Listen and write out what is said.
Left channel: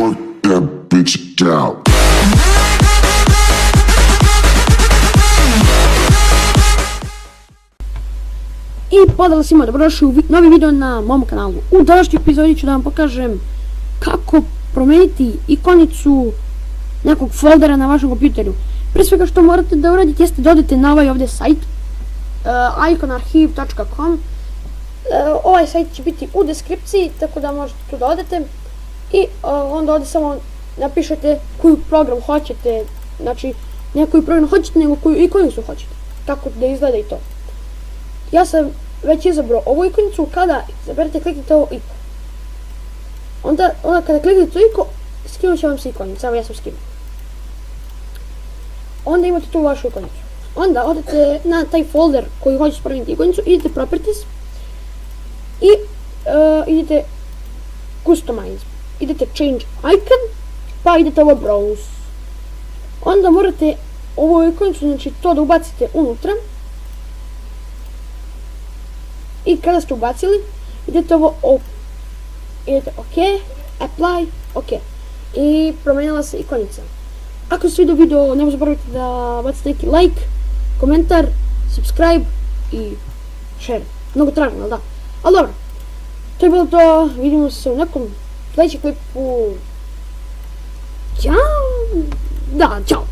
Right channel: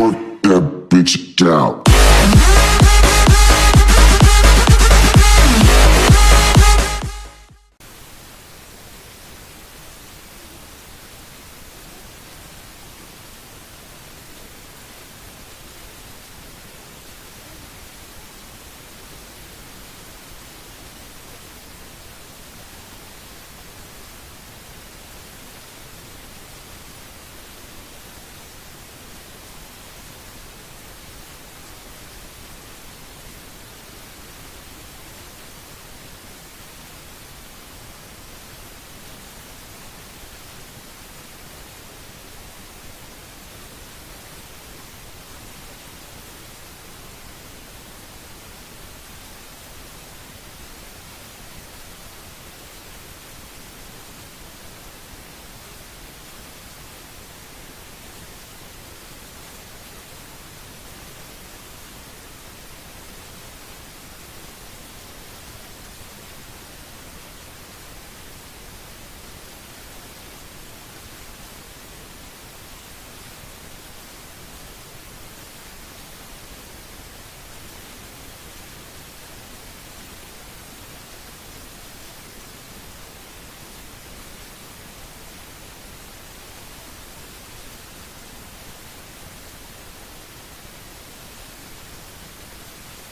Twerk that bitch out. I pozdrav svima, dobrodošli u novi video na mom kanalu. U današnjoj epizodi ću da vam pokažem kako promijeniti ikonicu nekog foldera na vašem kompjuteru. Prije svega što morate da uradite jeste da odete na ovaj ovdje sajt iconarchive.com. Ovaj sajt će biti u deskripciji, tako da možete tu da odete i onda ovdje samo napišete koju program hoćete, znači ne koju program hoćete nego koju ikonicu hoćete, kako da izgleda i to. Ja sam već izabrao ovu ikonicu, kada izaberete kliknite ovo iko. Onda kada kliknete to iko, skinut će vam se ikonica, evo ja sam skinuo. Onda imate tu vašu ikonicu. Onda odete na taj folder koji hoćete promijeniti ikonicu, idete properties i idete customize. Idete change icon, pa idete ovo browse. Onda morate ovu ikonicu, znači to da ubacite unutra. I kada ste ubacili, idete ovo idete OK, apply, OK. I promijenila se ikonica. Ako se svidio video, nemoj zaboraviti da bacite neki like, komentar, subscribe i share. Mnogo tražno, ali da? Ali dobro, to je bilo to, vidimo se u nekom sljedećem klipu. Ćao! Da, ćao!